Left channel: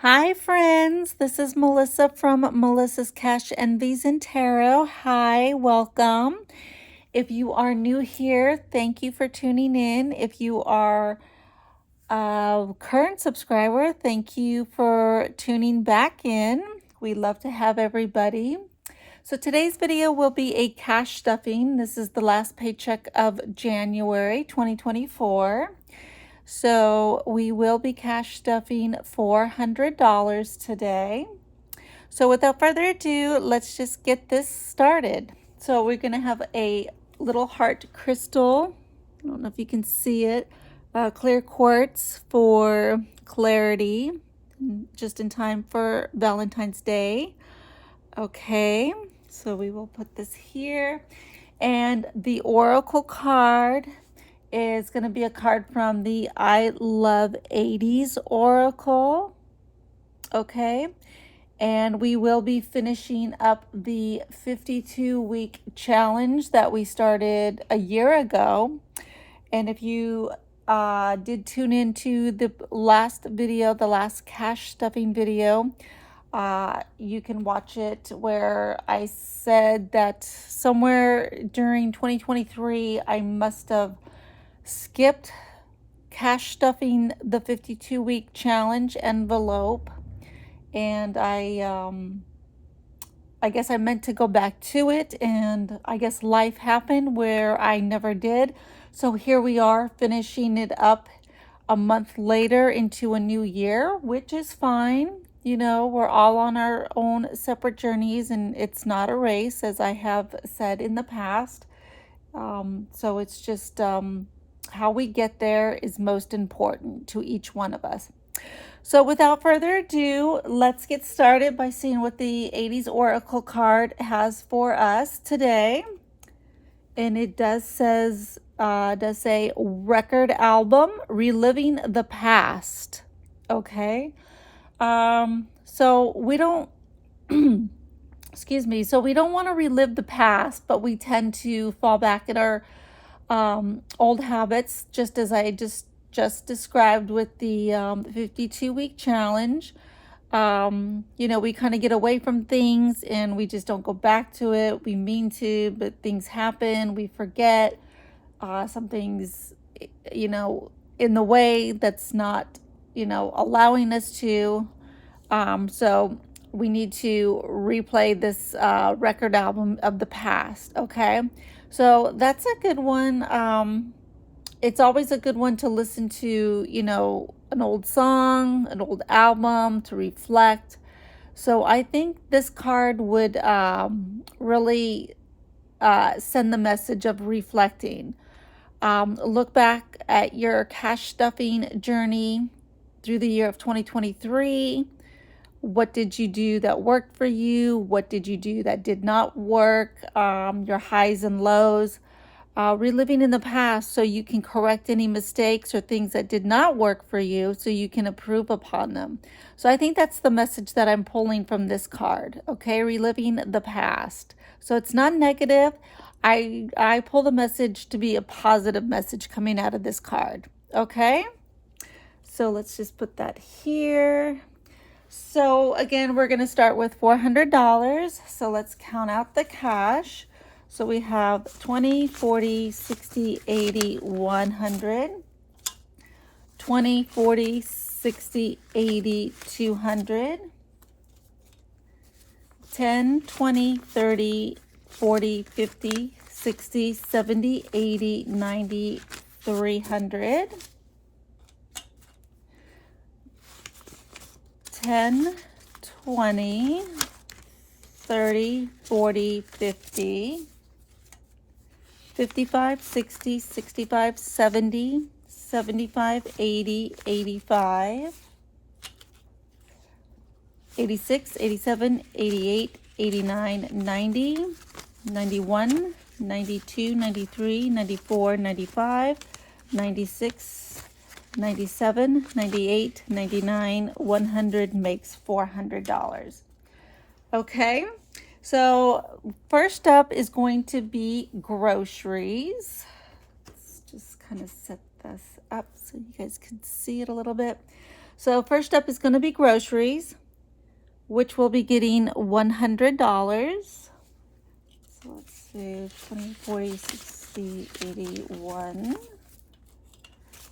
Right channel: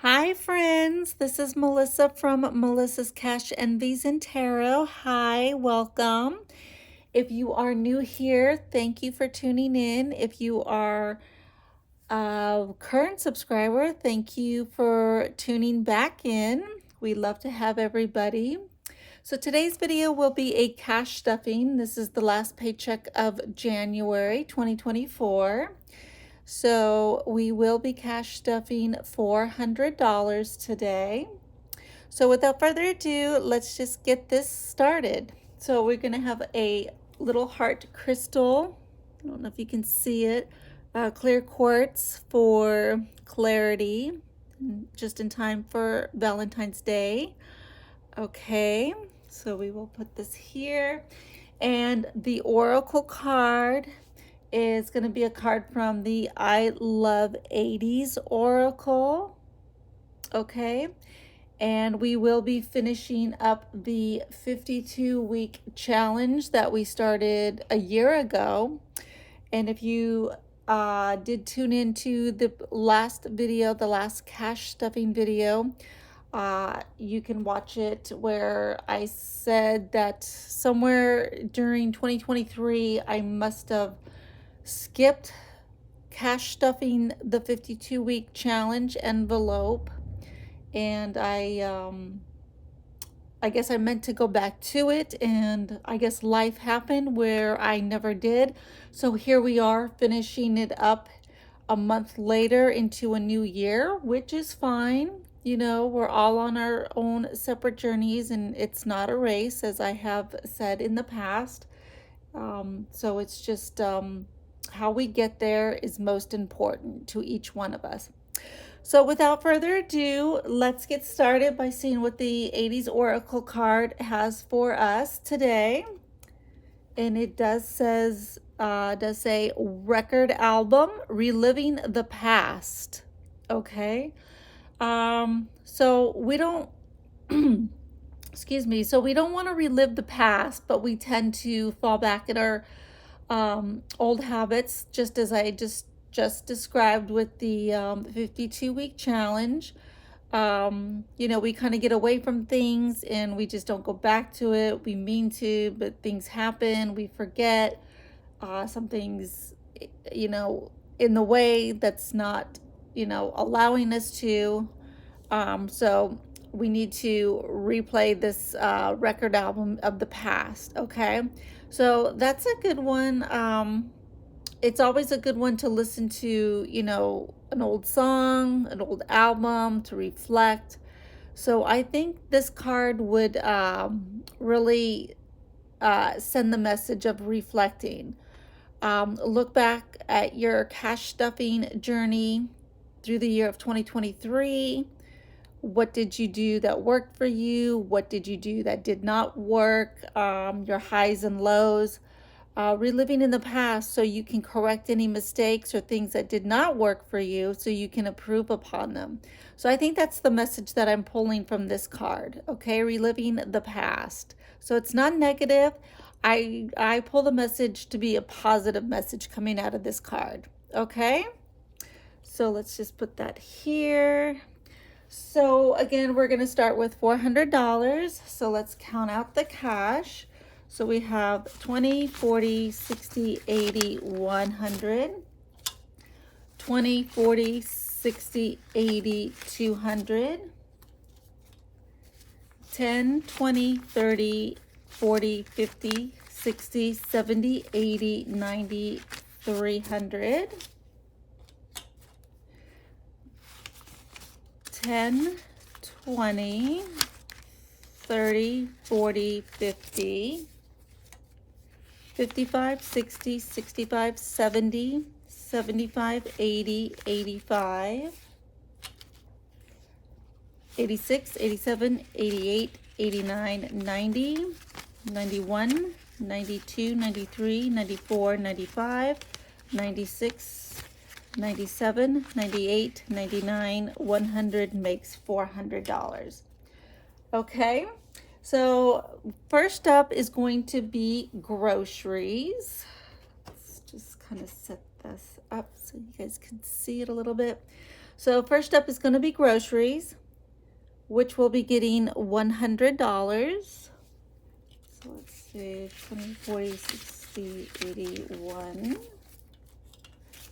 Hi, friends. This is Melissa from Melissa's Cash Envies and Tarot. Hi, welcome. If you are new here, thank you for tuning in. If you are a current subscriber, thank you for tuning back in. We love to have everybody. So today's video will be a cash stuffing. This is the last paycheck of January 2024. So we will be cash stuffing $400 today. So without further ado, let's just get this started. So we're going to have a little heart crystal. I don't know if you can see it. Clear quartz for clarity, just in time for Valentine's Day. Okay, so we will put this here. And the oracle card is going to be a card from the I Love 80s Oracle. Okay. And we will be finishing up the 52-week challenge that we started a year ago. And if you did tune into the last video, the last cash stuffing video, you can watch it where I said that somewhere during 2023, I must have skipped cash stuffing the 52-week challenge envelope, and I guess I meant to go back to it, and I guess life happened where I never did. So here we are finishing it up a month later into a new year, which is fine. You know, we're all on our own separate journeys, and it's not a race, as I have said in the past. So it's just how we get there is most important to each one of us. So without further ado, let's get started by seeing what the 80s Oracle card has for us today. And it does say record album, reliving the past. Okay. So we don't excuse me. So we don't want to relive the past, but we tend to fall back in our old habits, just as I just described with the 52-week challenge. You know, we kind of get away from things and we just don't go back to it. We mean to, but things happen. We forget some things, you know, in the way that's not, you know, allowing us to. So we need to replay this record album of the past. Okay. So that's a good one. It's always a good one to listen to, you know, an old song, an old album, to reflect. So I think this card would really send the message of reflecting. Look back at your cash stuffing journey through the year of 2023. What did you do that worked for you? What did you do that did not work? Your highs and lows. Reliving in the past so you can correct any mistakes or things that did not work for you so you can improve upon them. So I think that's the message that I'm pulling from this card. Okay, reliving the past. So it's not negative. I pull the message to be a positive message coming out of this card. Okay, so let's just put that here. So again, we're going to start with $400. So let's count out the cash. So we have 20, 40, 60, 80, 100. 20, 40, 60, 80, 200. 10, 20, 30, 40, 50, 60, 70, 80, 90, 300. 10, 20, 30, 40, 50, 55, 60, 65, 70, 75, 80, 85, 86, 87, 88, 89, 90, 91, 92, 93, 94, 95, 96, 97, 98, 99, 100 makes $400. Okay, so first up is going to be groceries. Let's just kind of set this up so you guys can see it a little bit. So first up is going to be groceries, which will be getting $100. So let's see, 20, 40, 60, 81.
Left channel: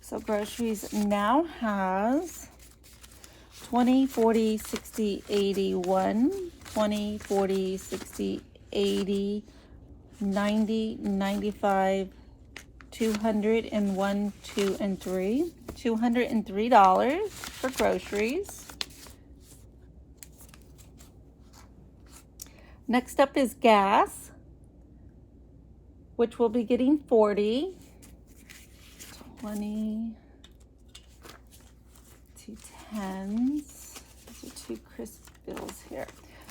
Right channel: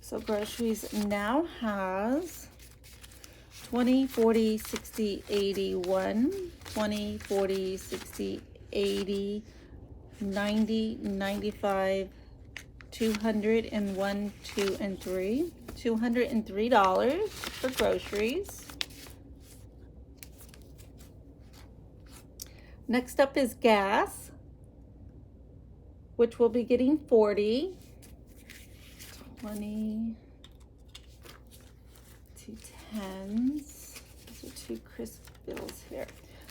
So groceries now has 20, 40, 60, 81, 20, 40, 60, 80, 90, 95, 201, 2 and 3. $203 for groceries. Next up is gas, which will be getting 40. 20, 2 10s. These are 2 crisp bills here.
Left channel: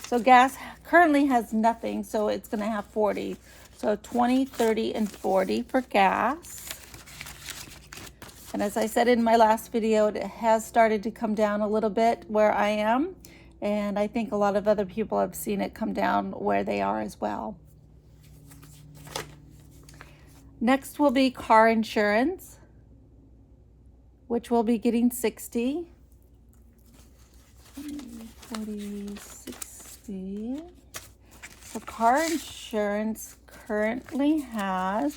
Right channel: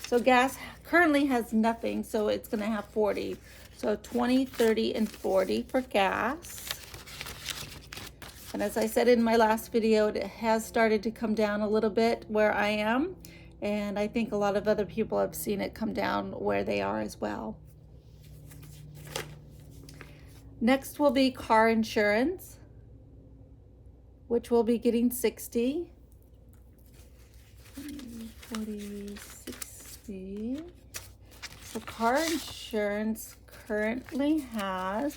So gas currently has nothing, so it's going to have 40. So 20, 30, and 40 for gas. And as I said in my last video, it has started to come down a little bit where I am. And I think a lot of other people have seen it come down where they are as well. Next will be car insurance, which will be getting 60. 40, 60. So car insurance currently has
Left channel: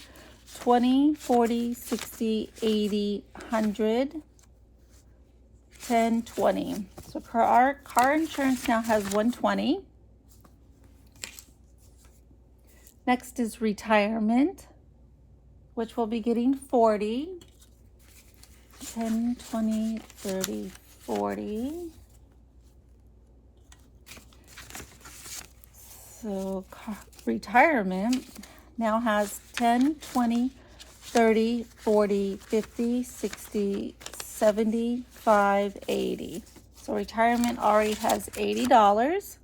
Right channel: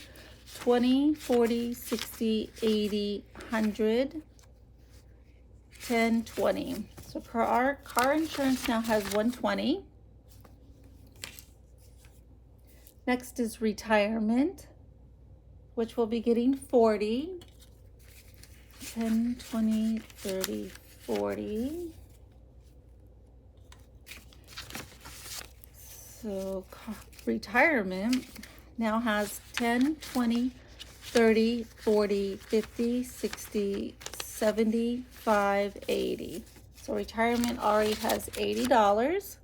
20, 40, 60, 80, 100, 10, 20. So car insurance now has 120. Next is retirement, which will be getting 40. 10, 20, 30, 40. So retirement now has 10, 20, 30, 40, 50, 60, 75, 80. So retirement already has $80.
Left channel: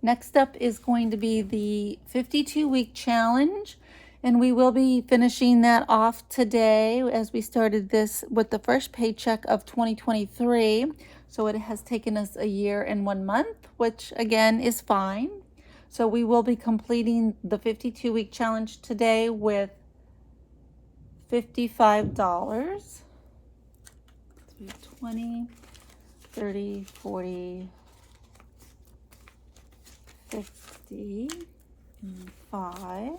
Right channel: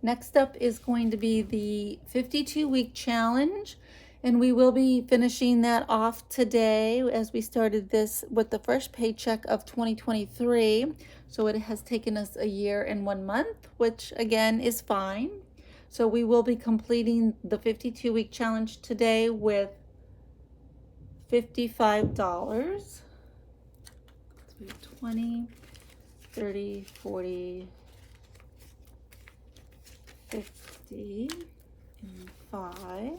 Next up is going to be the 52-week challenge, and we will be finishing that off today as we started this with the first paycheck of 2023. So it has taken us a year and 1 month, which again is fine. So we will be completing the 52-week challenge today with $55. 20, 30, 40, 50, and 5.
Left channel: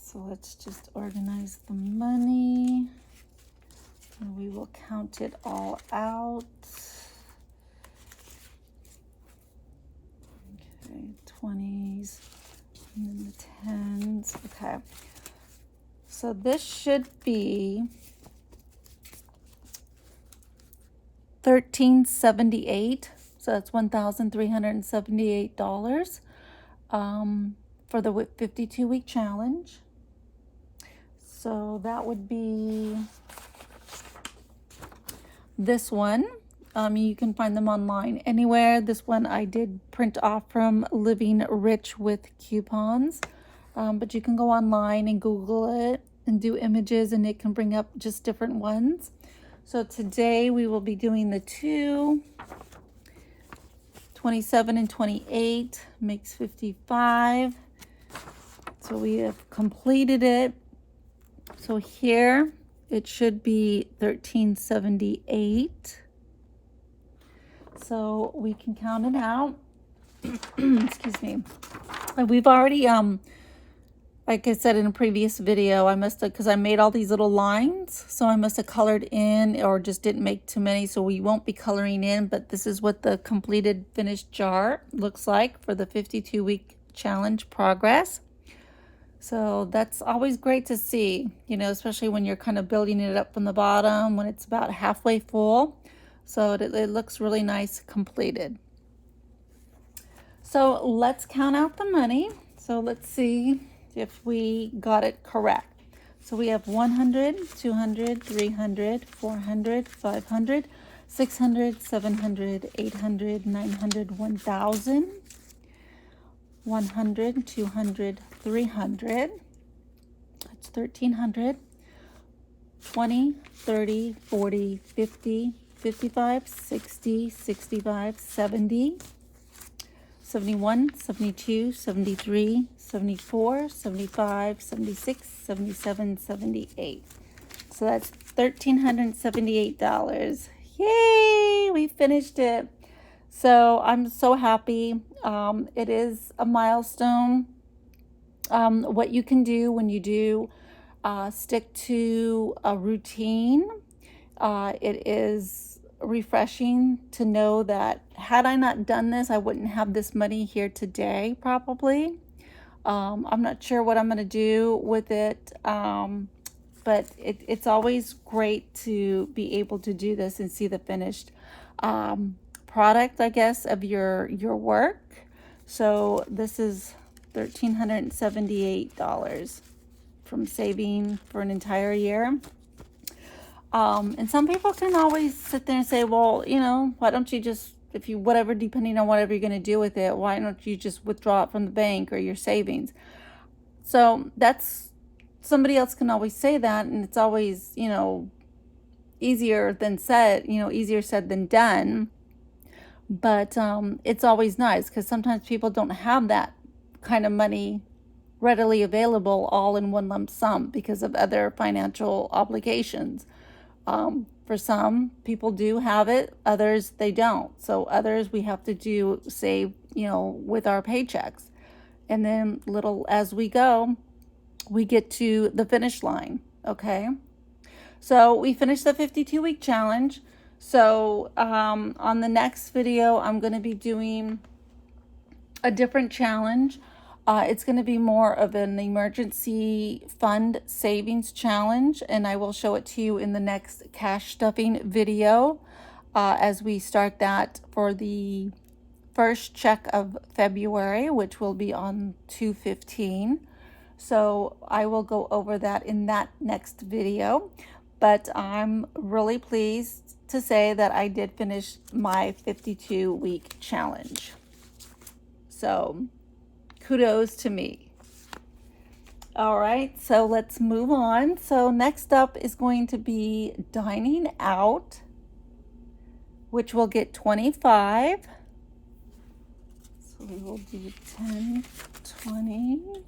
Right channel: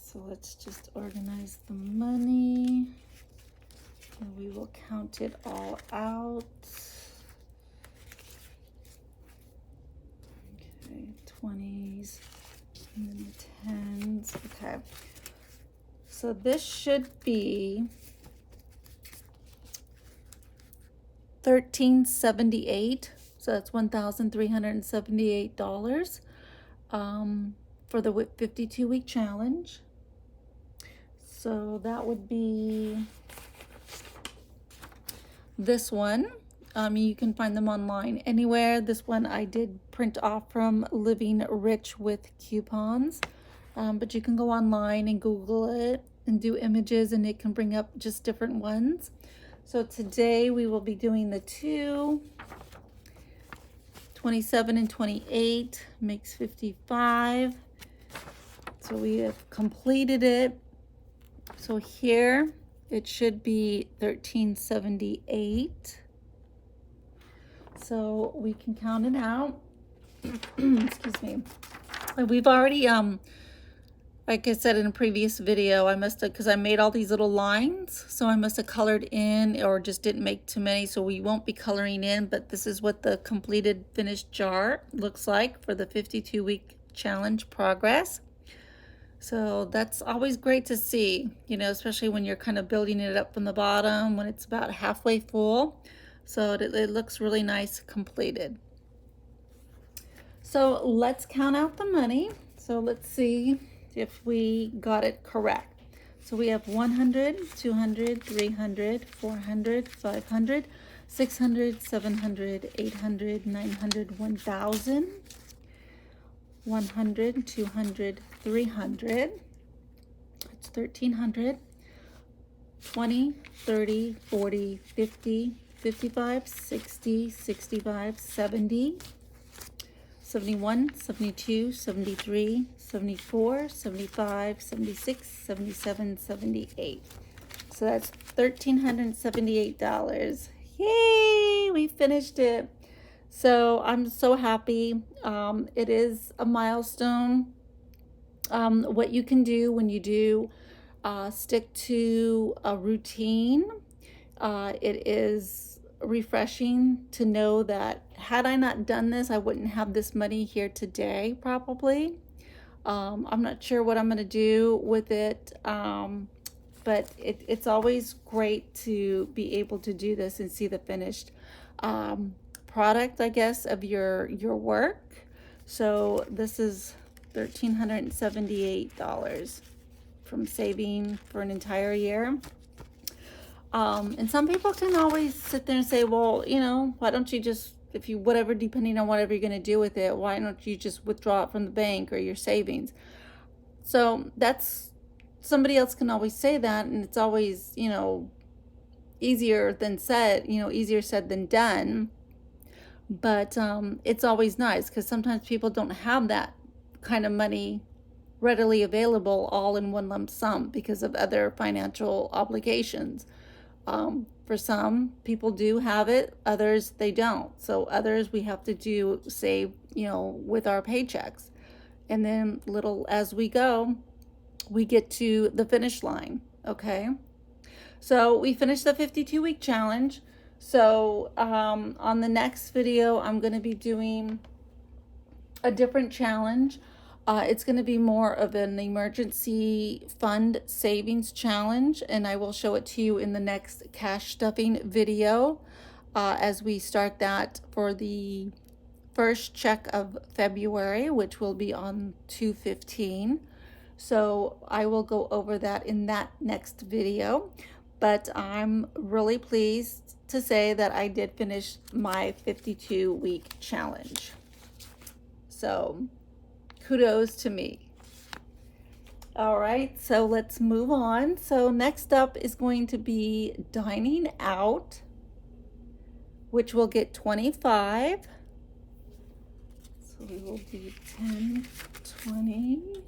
So let's just organize the money. And we will count it all out. Okay, 20s and 10s. Okay. So this should be $1,378. So that's $1,378 for the 52-week challenge. So that would be this one. You can find them online anywhere. This one I did print off from Living Rich with Coupons. But you can go online and Google it and do images, and it can bring up just different ones. So today we will be doing the 2, 27 and 28 makes 55. So we have completed it. So here it should be 1378. So we can count it out. Excuse me. And we've already like I said in a previous video, I must have, because I made all these little lines, so I must have colored in or just didn't make too many, so we won't be coloring in. But this is what the completed finished jar looks like for the 52-week challenge progress. So that's always great to see, you know, especially when you're kind of building it up from the bottom when it's about halfway full. So it looks really nice completed. So let's count out the money. So let's see if we got it correct. So we have 100, 200, 300, 400, 500, 600, 700, 800, 900, 1,000, 100, 200, 300. That's 1,300. 20, 30, 40, 50, 55, 60, 65, 70, 71, 72, 73, 74, 75, 76, 77, 78. So that's $1,378. Yay! We finished it. So I'm so happy. It is a milestone. What you can do when you do stick to a routine, it is refreshing to know that had I not done this, I wouldn't have this money here today, probably. I'm not sure what I'm going to do with it, but it's always great to be able to do this and see the finished product, I guess, of your work. So this is $1,378 from saving for an entire year. And some people can always sit there and say, well, you know, why don't you just, if you, whatever, depending on whatever you're going to do with it, why don't you just withdraw it from the bank or your savings? So that's, somebody else can always say that, and it's always, you know, easier than said, you know, easier said than done. But it's always nice because sometimes people don't have that kind of money readily available all in one lump sum because of other financial obligations. For some people do have it, others they don't. So others we have to do save, you know, with our paychecks. And then little as we go, we get to the finish line, okay? So we finished the 52-week challenge. So on the next video, I'm going to be doing a different challenge. It's going to be more of an emergency fund savings challenge, and I will show it to you in the next cash stuffing video as we start that for the first check of February, which will be on 2/15. So I will go over that in that next video, but I'm really pleased to say that I did finish my 52-week challenge. So kudos to me. All right, so let's move on. So next up is going to be dining out, which will get 25. So we will do 10, 20,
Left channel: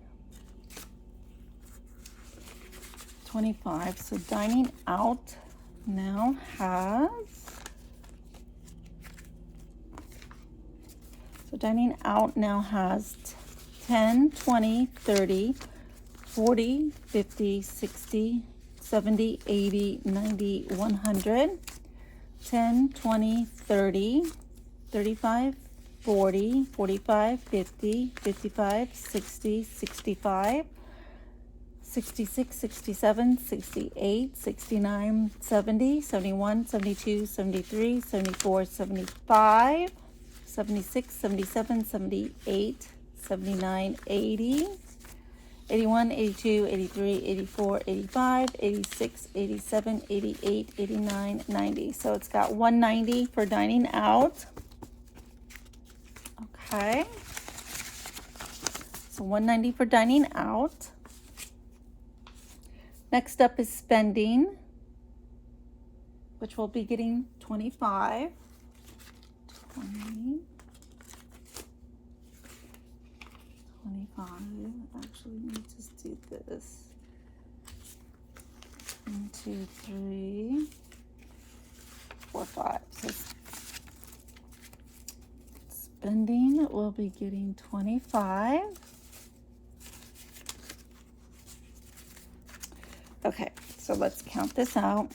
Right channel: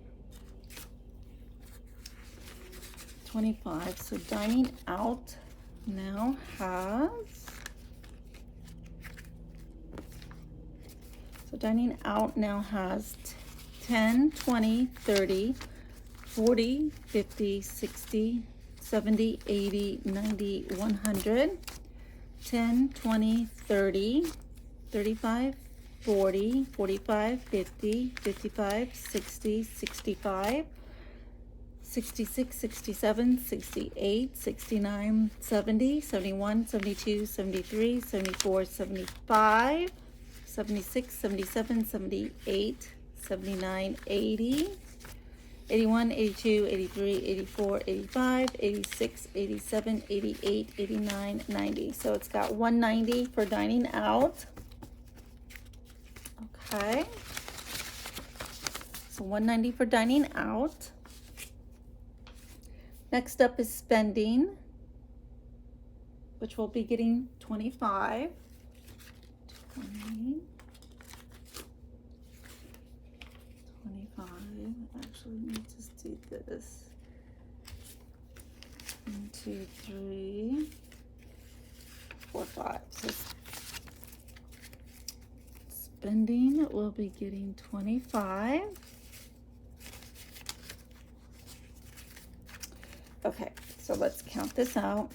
25. So dining out now has, dining out now has 10, 20, 30, 40, 50, 60, 70, 80, 90, 100, 10, 20, 30, 35, 40, 45, 50, 55, 60, 65, 66, 67, 68, 69, 70, 71, 72, 73, 74, 75, 76, 77, 78, 79, 80, 81, 82, 83, 84, 85, 86, 87, 88, 89, 90. So it's got 190 for dining out. Okay. So 190 for dining out. Next up is spending, which will be getting 25. 20, 25. Actually, let me just do this. 1, 2, 3, 4, 5. So spending will be getting 25. Okay, so let's count this out.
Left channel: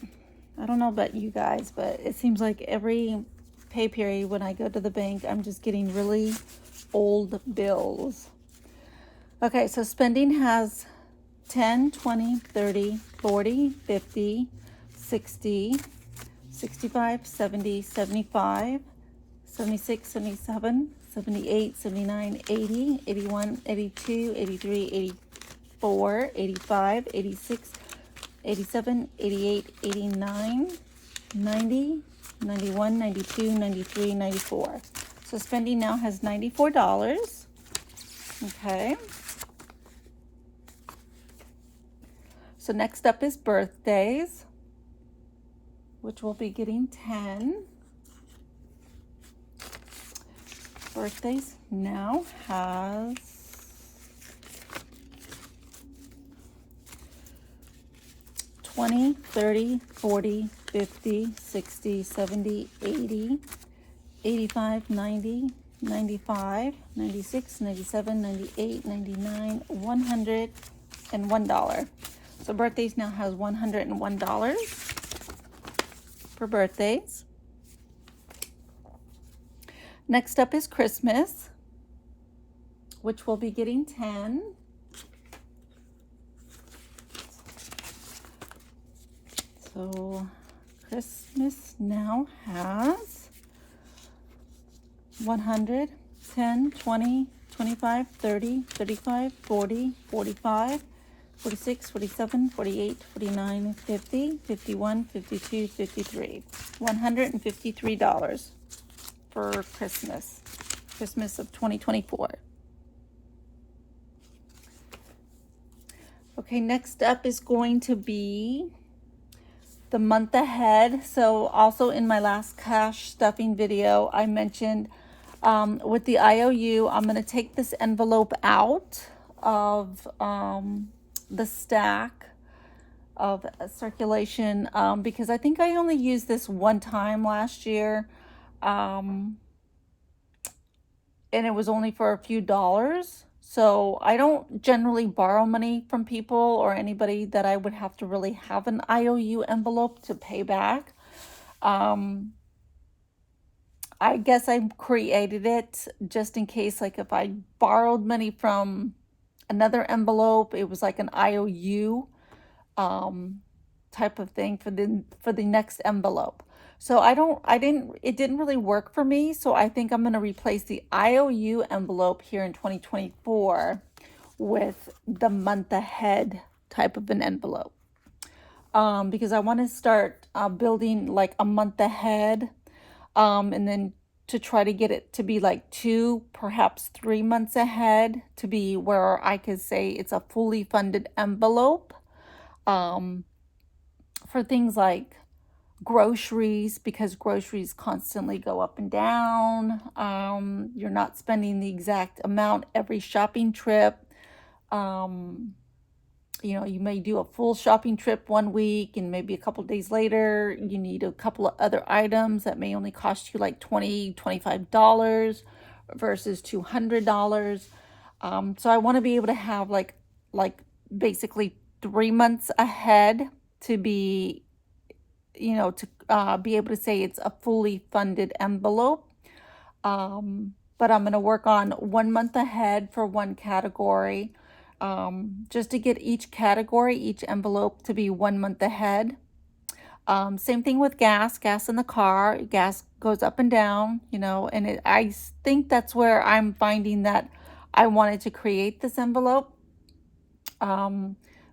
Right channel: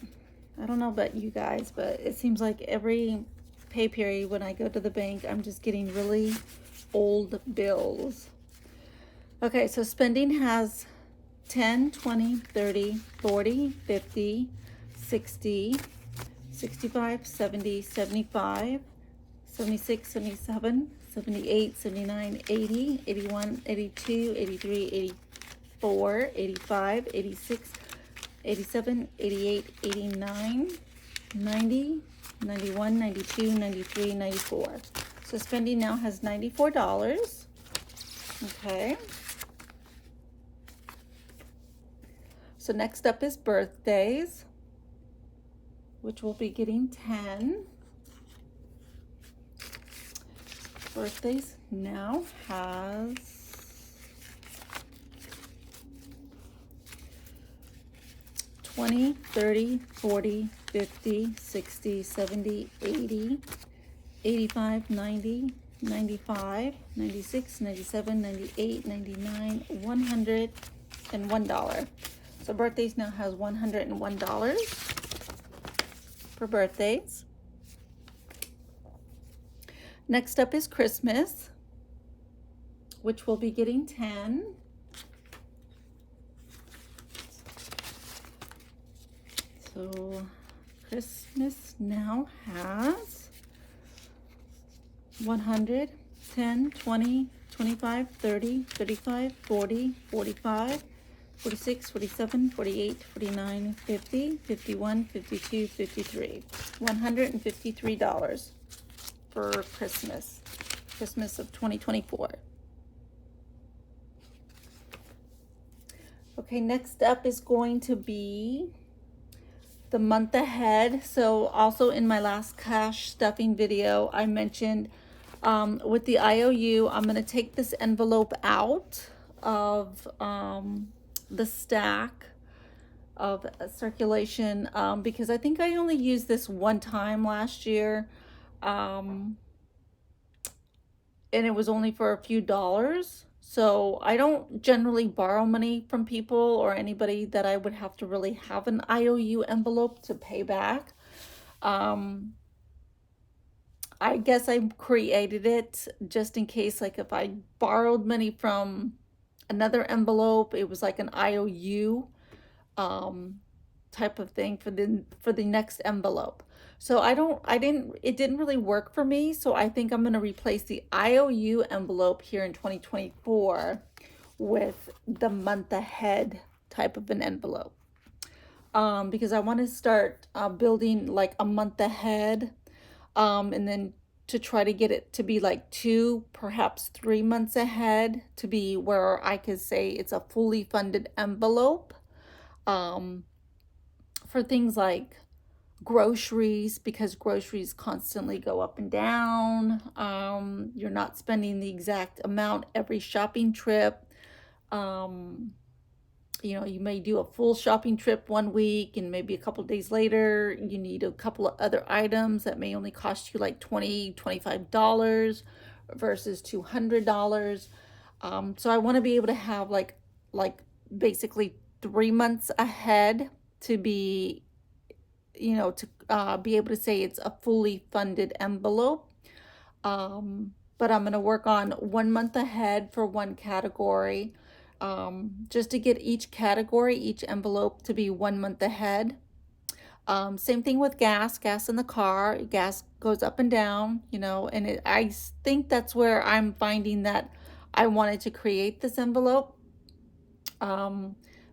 I don't know about you guys, but it seems like every pay period when I go to the bank, I'm just getting really old bills. Okay, so spending has 10, 20, 30, 40, 50, 60, 65, 70, 75, 76, 77, 78, 79, 80, 81, 82, 83, 84, 85, 86, 87, 88, 89, 90, 91, 92, 93, 94. So spending now has $94. Okay. So next up is birthdays, which will be getting 10. Birthdays now has 20, 30, 40, 50, 60, 70, 80, 85, 90, 95, 96, 97, 98, 99, $101. So birthdays now has $101 for birthdays. Next up is Christmas, which will be getting 10. So Christmas now has 100, 10, 20, 25, 30, 35, 40, 45, 46, 47, 48, 49, 50, 51, 52, 53. $153 for Christmas. Christmas of 2024. Okay, next up is going to be the month ahead. So also in my last cash stuffing video, I mentioned with the IOU, I'm going to take this envelope out of the stack of circulation because I think I only used this one time last year, and it was only for a few dollars. So I don't generally borrow money from people or anybody that I would have to really have an IOU envelope to pay back. I guess I created it just in case, like if I borrowed money from another envelope, it was like an IOU type of thing for the next envelope. So it didn't really work for me. So I think I'm going to replace the IOU envelope here in 2024 with the month ahead type of an envelope. Because I want to start building like a month ahead, and then to try to get it to be like 2, perhaps 3 months ahead, to be where I could say it's a fully funded envelope for things like groceries, because groceries constantly go up and down. You're not spending the exact amount every shopping trip. You know, you may do a full shopping trip one week and maybe a couple days later you need a couple of other items that may only cost you like $20, $25 versus $200. So I want to be able to have like basically 3 months ahead to be, you know, to be able to say it's a fully funded envelope. But I'm going to work on 1 month ahead for one category, just to get each category, each envelope to be 1 month ahead. Same thing with gas in the car. Gas goes up and down, you know, and I think that's where I'm finding that I wanted to create this envelope,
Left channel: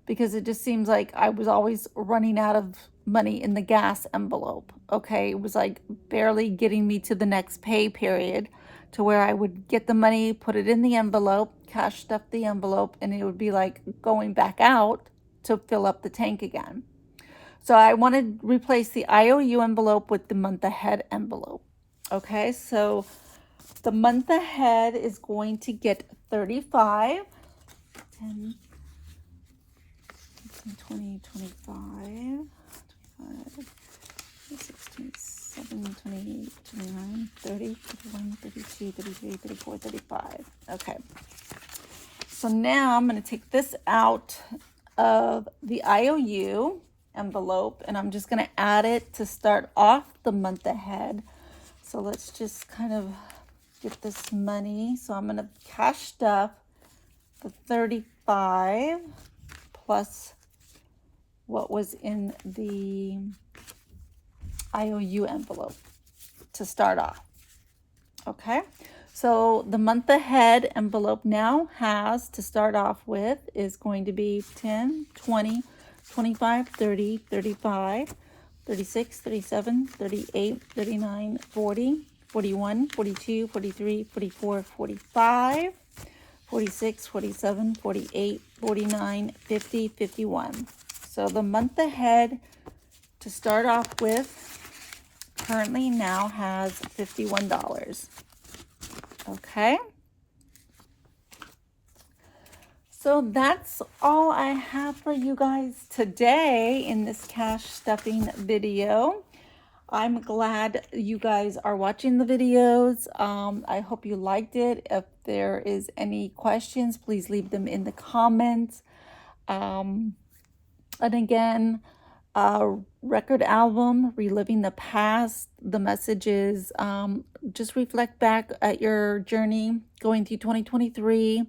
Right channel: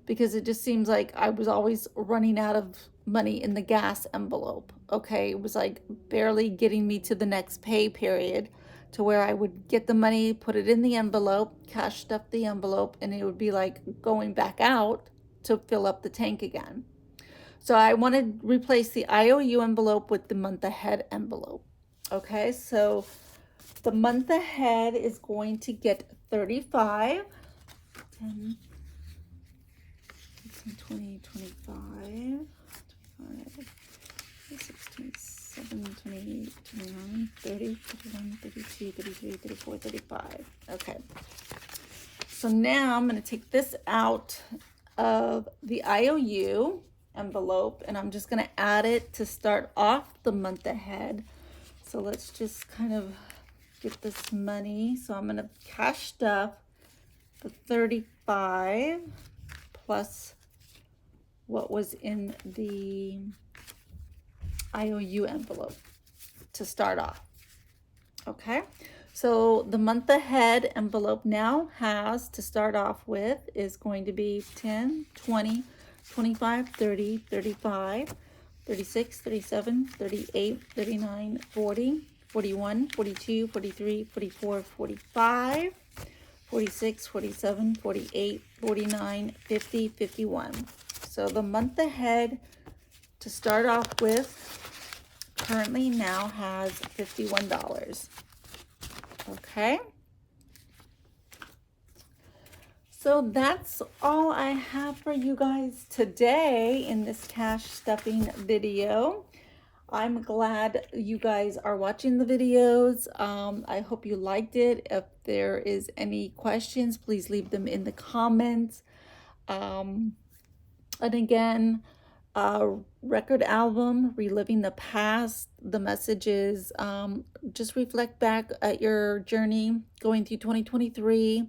because it just seems like I was always running out of money in the gas envelope. Okay, it was like barely getting me to the next pay period, to where I would get the money, put it in the envelope, cash stuff the envelope, and it would be like going back out to fill up the tank again. So I want to replace the IOU envelope with the month ahead envelope. Okay, so the month ahead is going to get 35, 10, 20, 25, 16, 17, 28, 29, 30, 31, 32, 33, 34, 35. Okay. So now I'm going to take this out of the IOU envelope and I'm just going to add it to start off the month ahead. So let's just kind of get this money. So I'm going to cash stuff the 35 plus what was in the IOU envelope to start off. Okay, so the month ahead envelope now has, to start off with, is going to be 10, 20, 25, 30, 35, 36, 37, 38, 39, 40, 41, 42, 43, 44, 45, 46, 47, 48, 49, 50, 51. So the month ahead to start off with currently now has $51. Okay, So that's all I have for you guys today in this cash stuffing video. I'm glad you guys are watching the videos. I hope you liked it. If there is any questions, please leave them in the comments. And again, record album, reliving the past. The message is just reflect back at your journey going through 2023,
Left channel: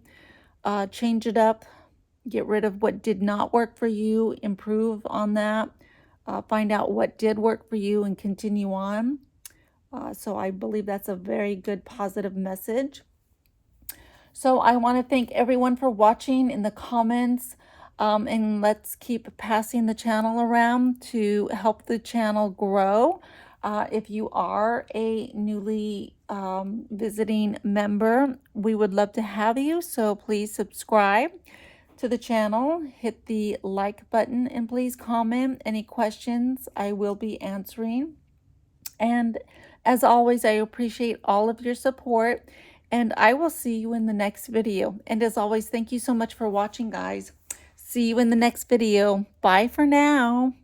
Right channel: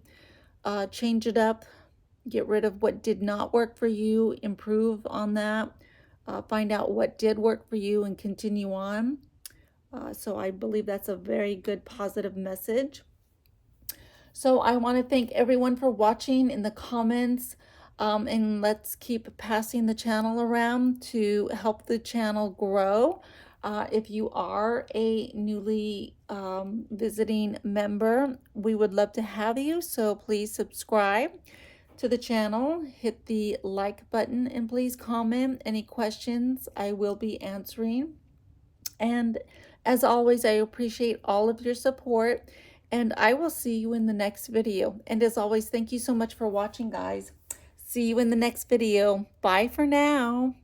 change it up, get rid of what did not work for you, improve on that, find out what did work for you, and continue on. So I believe that's a very good positive message. So I want to thank everyone for watching in the comments. And let's keep passing the channel around to help the channel grow. If you are a newly visiting member, we would love to have you. So please subscribe to the channel, hit the like button, and please comment any questions I will be answering. And as always, I appreciate all of your support, and I will see you in the next video. And as always, thank you so much for watching, guys. See you in the next video. Bye for now.